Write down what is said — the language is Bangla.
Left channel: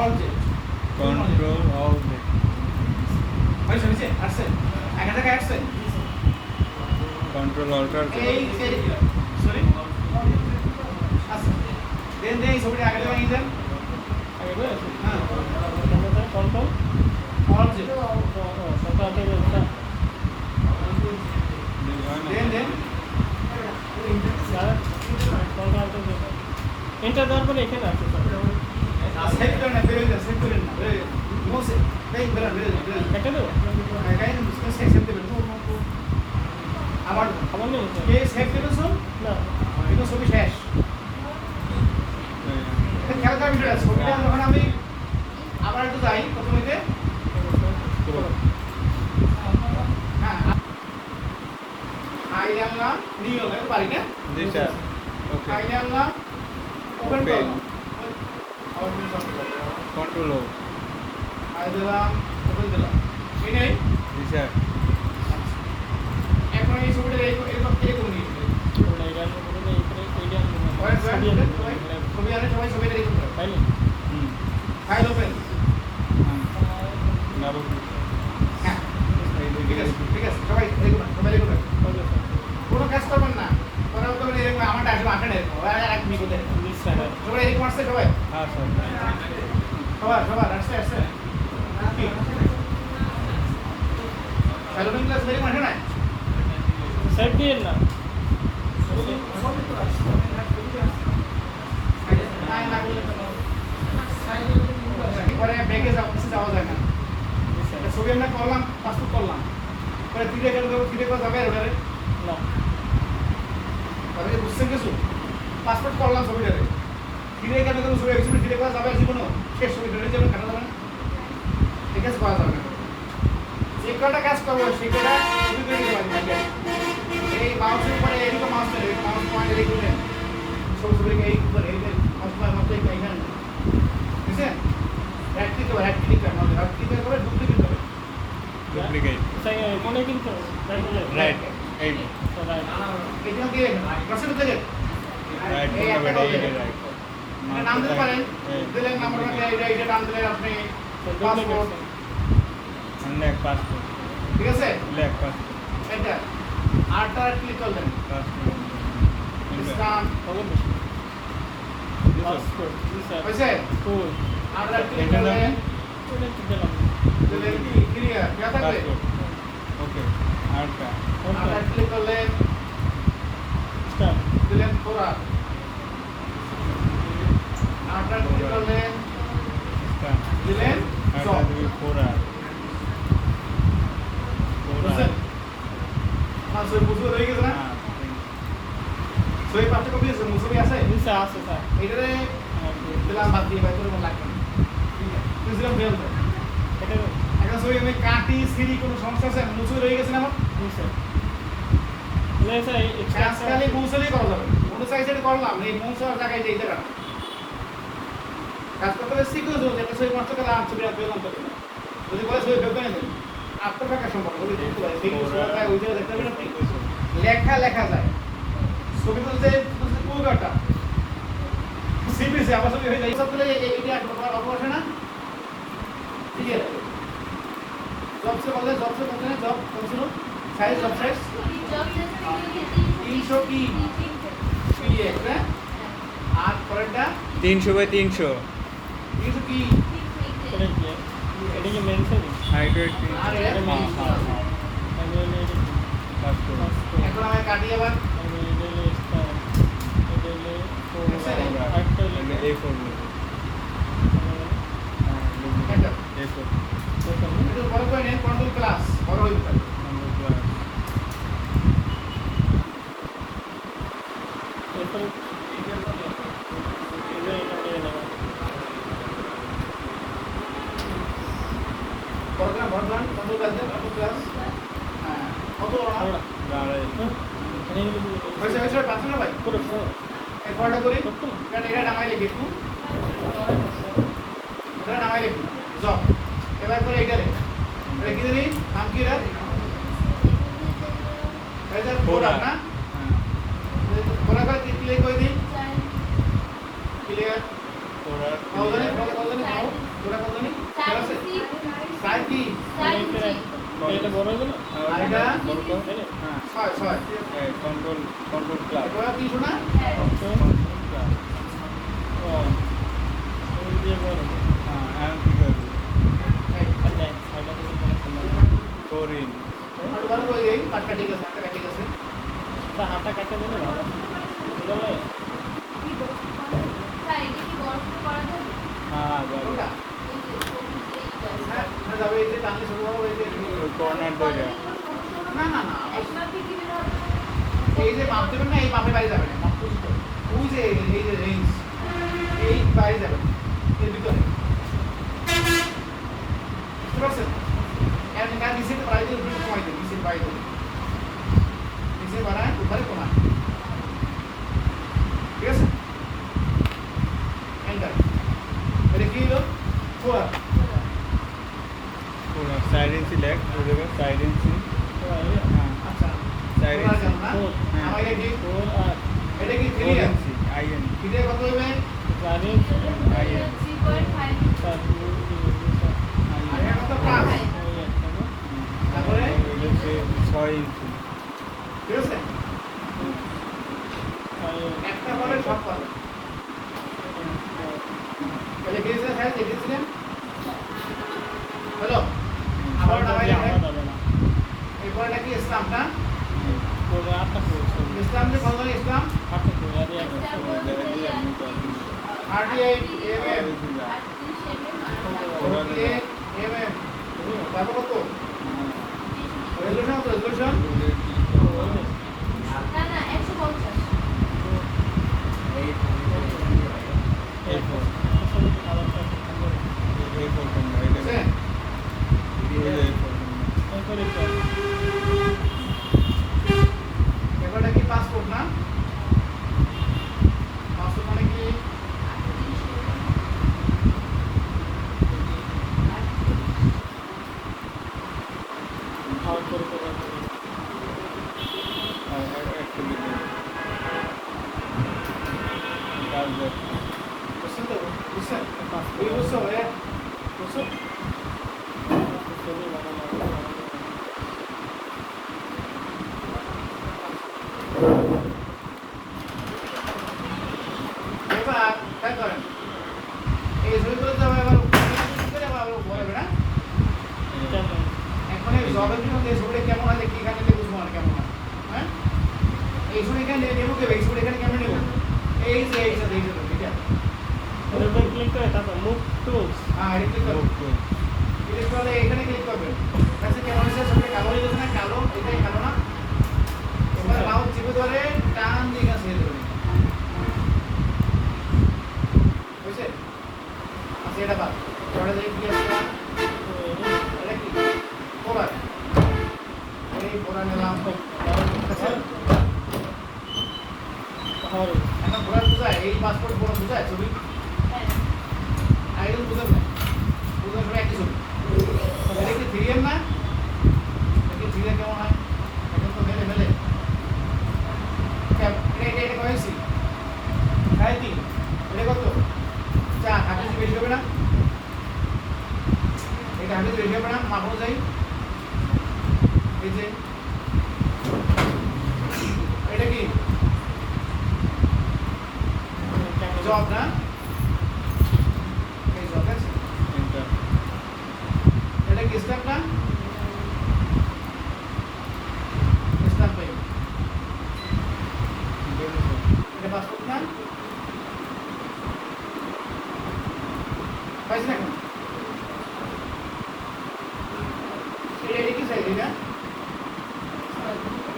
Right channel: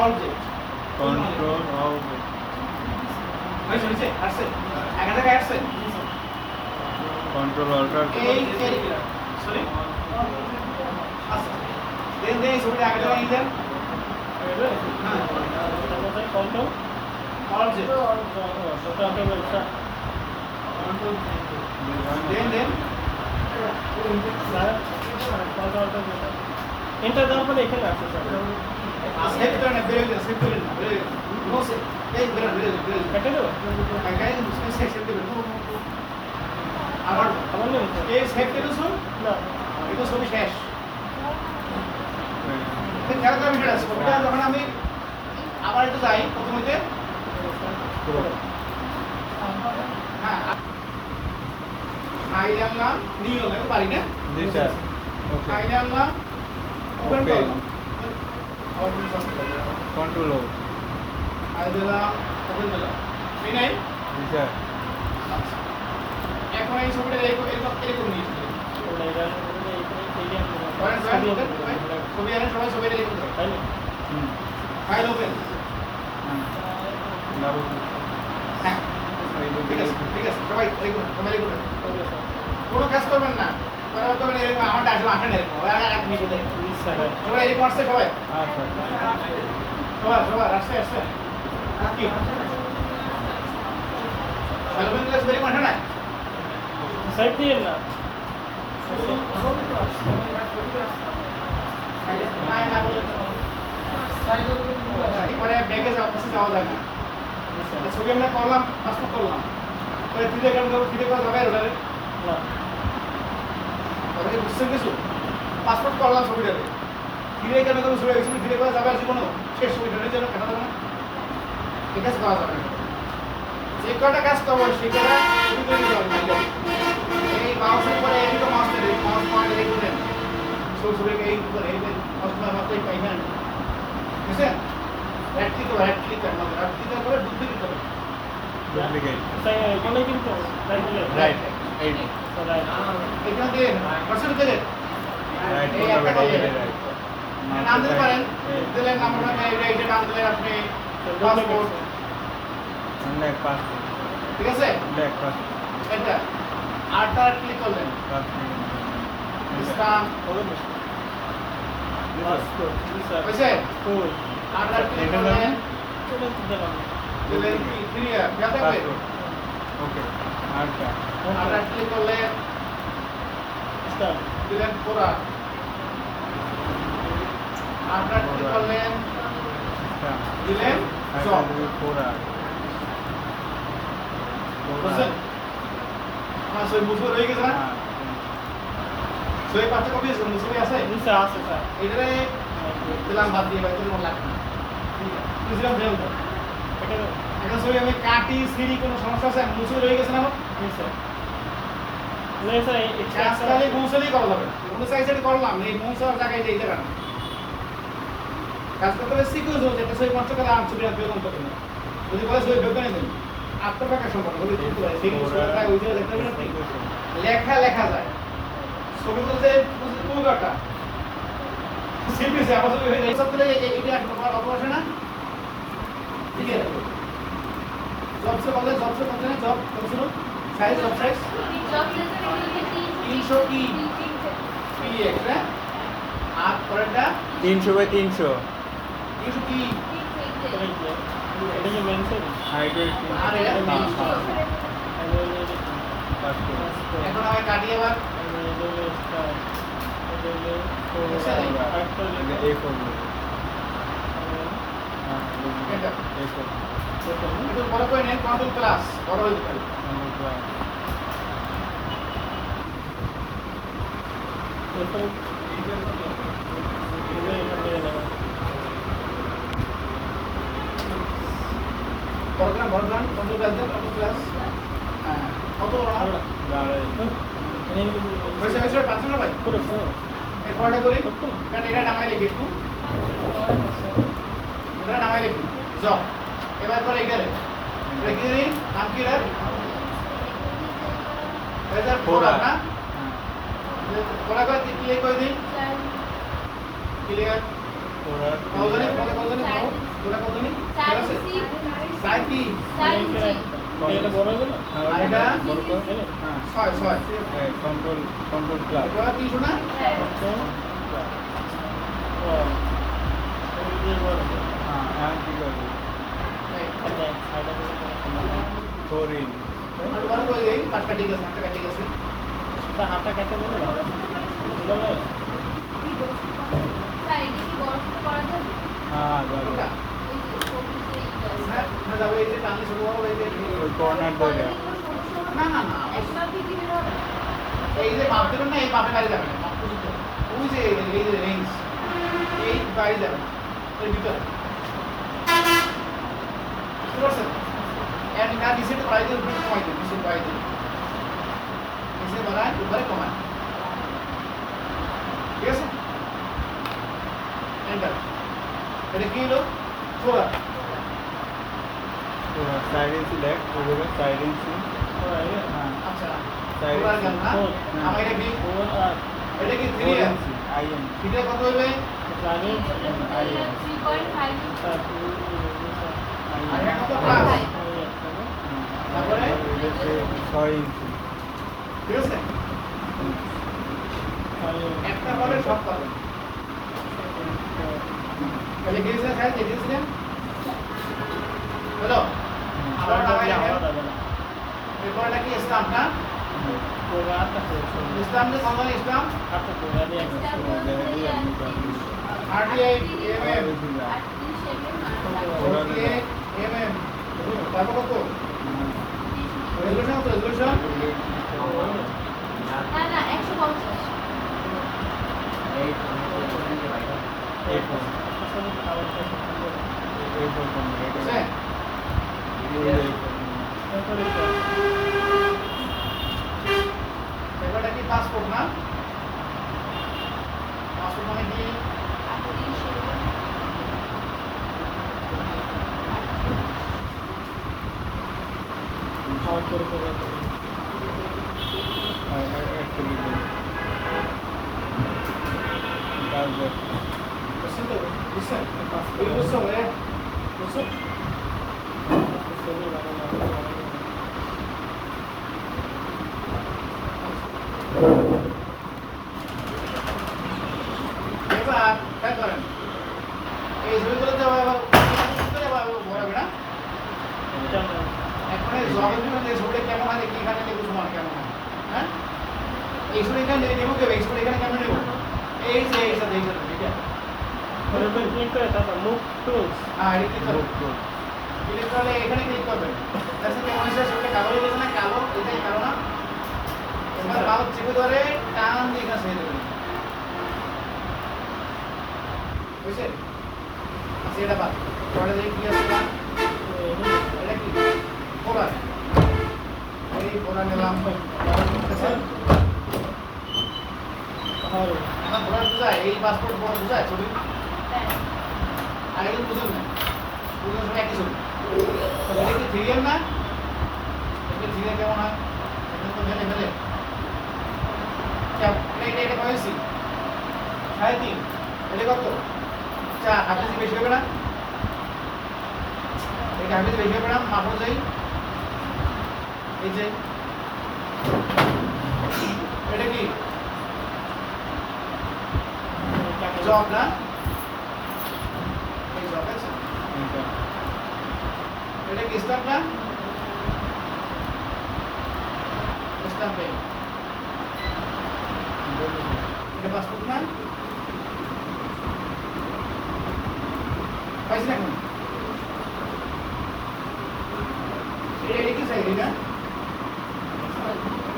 All Z control alt Z হয়েছে আসছে এখান থেকে আসছে কন্ট্রোল অল্টার এই সরি আচ্ছা দেন এই ছবিটা আগে থেকে নিয়ে যান হ্যাঁ কন্ট্রোল অল জেড দেন এন্টার দেওয়ার পরে এখানে আছে সেভ করেন না বেরোয় যান সেভ করেন না নো সেভ এই বেরোয় কেটে দেবো কাই সেভ দেবেন আবার আমার নেই এই সেভ করে শুন না এটা ছবি শেষ খেয়াল করবেন এটা ছবিটা যখন আমি আবার একটু যাই প্রথমে হ্যাঁ আই জানলাম নিয়ে লাগে পারি না জি স্যার ওকে আই জানলাম ওপেন Open. করলাম আবার তুমি কন্ট্রোল ও আই দিলাম ওপেন দিলাম এই নাই জি স্যার এখন এই ছবিটা এরকম নিয়েছি ছবি আনে সবাই ছবিটা এরকম করে তাই না ফাইল ওপেন ডাবল হ্যাঁ ঠিক আছে সবাই লিখুন কোনো কাজ করবেন না পরে তো এরকম আমার ডাকলো আঁকেন এরকম এক মিনিট সবাই এরকম আসছে সবাই হ্যাঁ স্যার সবার আসছে আসছে কি সেলফেন ক্লাস ভেরি মাঠে না সাইড দিয়ে না পরে ব্যাগে যাওয়া যায় না ছবি আমরা করলাম পাসপোর্ট করলাম পরে ফিরে গেল ফিরে করা যাবে ওটারে না ওটাকে বুঝছেন কিছু পাসপোর্ট করলাম ছবিটারে ফিরে গেল ছবি ছবি ফিরে করা যাবে আর জীবনও শেষ ছবিটার জন্য দেখা যাবে না ঠিক আছে করা যাবে যে কটা কাজ করবো সেই কটা ছবি তৈরি করবে এই মাউসের পরে এদিকে মাউস নেবে মাউস পয়েন্ট এই করে ছবিকে এই করে এই মাউস পয়েন্ট মতো এই পাইবেন ঠিক আছে রাইট ক্লিক করে ডুপ্লিকেট করে ডুপ্লিকেট কোনে কিন্তু রাইট এই এইখান দিয়ে পার্সেন্ট থেকে রাইট এই একটা করলে নাম দিতে পারেন দিলেন নাম্বার এইটা নাম দিলেন আপনি পাসপোর্ট লেখ পাসপোর্ট ঠিক আছে লেখ পাসপোর্ট এটা আরটা ক্লিক করলেন পাসপোর্ট স্টাম্প হবে না পাসপোর্ট হয়েছে কই আরটা ক্লিক করলেন এটা তো দিলাম দিলেন ক্লিয়ার কি থাকবে পাসপোর্ট ওকে আরটা আরটা ক্লিক করলেন স্টার দিলেন পুরা আরটা ক্লিক করলেন দিলেন জব পুরা বুঝছেন আমার সই বুঝবো হয়ে গেছে না সই পাঁচটা কপি আছে মুসবি আছে নিচে আছে স্যার এটারে দিলাম ভাত দিয়ে বাইরে মন লাগবে ইসলাম দেও এখন সই আমি কাটি সিঁড়ি কোনো সমস্যা আছে মুসবি রয়ে গেছে না আমার নিচে নিচে আজকাল মুসলি করা যাবে কোনো সাইজে করলাম এই মুসলার জায়গায় এইটা রাখা কাজ করতে শিখুন যেটা সই কষ্ট করে আর ছবি আঁকলাম কত না যদি বলে সই বের করে নেবেন আপনার টাকা সম্পর্ক যদি দেখতে পারেন সেই সরকার ওইটা দেখতে পারেন লেখা লেখা যায় ছবি তুলতে পুরোটা সিপিসি আবার ছবি হয়ে যায় সব তুলে এইটা অপর না ঠিক আছে জব से बोलते हैं जॉब कौन सी साइज जॉब साइज 300 की ये है आज पढ़ा 300 बाय 300 300 की এটা কি মেনশন হাইট ওয়েট আরে হ্যাঁ পাসপোর্ট এখন আমি কাটি আবার A4 এটা A4 এটা বড় করে নেন কন্ট্রোল ক্লাস বড় হয়ে যাবে বড় দাম কন্ট্রোল ক্লাস দেন কন্ট্রোল ক্লাস হ্যাঁ কত বড় হয়েছে পাচ্ছেন না ভাই এই কলটা করি কারণ এটা নামাই লিখি একটু এটা নামাই লিখি জব এবার পরে এখানে লিখে দিই নাম কি রে এটা ফোরা না ফোরা কা ক্লিক করে দিই ক্লিয়ার Pura কলদানি clear. কলদানি নাও পুরা কলদানি ঠিক আছে সাইড কি এটা বড় হলো না? আর এটা বড় তো? হ্যাঁ। ছয় ছয় Control class. এটা কি শোনা Control class. ও এই যে বড় হ্যাঁ, and কি করবো? মানে সাইডে তো কোনো সমস্যা 4 in. আর বড় করে দেই পাটকা ঠিক আছে পাটকা ঠিক আছে তা হাতটা কাটে দিলে ভালো বুঝলো না হ্যাঁ, যাবে। ওটা হ্যাঁ হ্যাঁ যাবে এই যে টানি শুরু হবে এই যে ওই corner দইটা। না না না এই যে মাপ দেবেন না এই মাপে বাইরে যাবে না মাপ বুঝতে ওই যে এই যে রেঞ্জ এই বাইরে যাবে না এর ভিতরে বুঝতে পারছেন এর না নিচে বাড়াই দিয়ে উপরে কমাই দেন নিচে বাড়াই দেন নিচে বাড়ায় উপরে কমায় ঠিক আছে এন্টার এটা কি হলো ফোর পুরো side in select, ওগুলো side in select. হ্যাঁ, আচ্ছা Side ফোর যান না four, আমার এটা কি ফোর আর এটা কি 4 3 in IN. এটা কত হবে প্ল্যানিং IN. আর এটা কত প্লাস তারপরে? হচ্ছে 6 ইঞ্চি। ঠিক আছে একটা পাবে সব পাবে তাহলে গেছিলেন খাই দেখেছিলেন হ্যালো আবার নামাই এরপরটা কি স্টাম্প না স্টাম্প যে কত স্টাম্প আরটিআই এমএম ওকে এমএম তারপর কত রেজোলিউশন তো রেজোলিউশন A4 কোনটা? এটা বুঝছেন এই যে পেপারটা কি পাসপোর্ট না পাসপোর্ট মানে কি খাওয়ার করে একটা দিকে তারপর বুঝছেন তো বুঝছেন এই বুঝছো ভাইয়া বুঝছো এবার ট্রাই করেন এই ছবিগুলো তো আবার বলবে না এখন এই জবের জন্য যে ছবিটা কেমন হয় দেখি এখানে দেখবো সমান কেমন হয় হ্যাঁ এই ছবি এখানে নেবো কেবে এই ছবি এখানে কেমন নেবো এই যে এইটা দেখবো ঠিক আছে হ্যাঁ এটা ক্লিক করুন ক্লিক করলে এখানে ক্লিক করবেন কাছে কেমন হয়েছে ছবিটা কালো হয়ে গেছে না কালো এটাই কালো না এবার মাউস চেপে ধরে টান দিয়ে কাছে হয়ে যাবে বুঝছে আচ্ছা এটা বাদ পরে দেখি কি আছে এটা কি ফোরা এই ফোরা নিলাম এখন ফোরা বুঝায় এই পাসপোর্ট বুঝায় ছবি আগে বুঝেন না বুঝেন সবাই একই ছবি এটা কি থ্রি এম না এটা থ্রি এম কেমন হয় এখন তো মেলে মেলে এটা কয়েছি সাড়ে তিন এটা কত চা হাফিজ বেশি হবে না এটা হাফিজ বেশি হবে না মাপো যাই এই যে এটা কি জব না এই জব আছে এটা এটা কি স্টাম্প না স্টাম্প পেয়ে এটা পাসপোর্ট না পাইছি না এখন এটা কি চাই এটা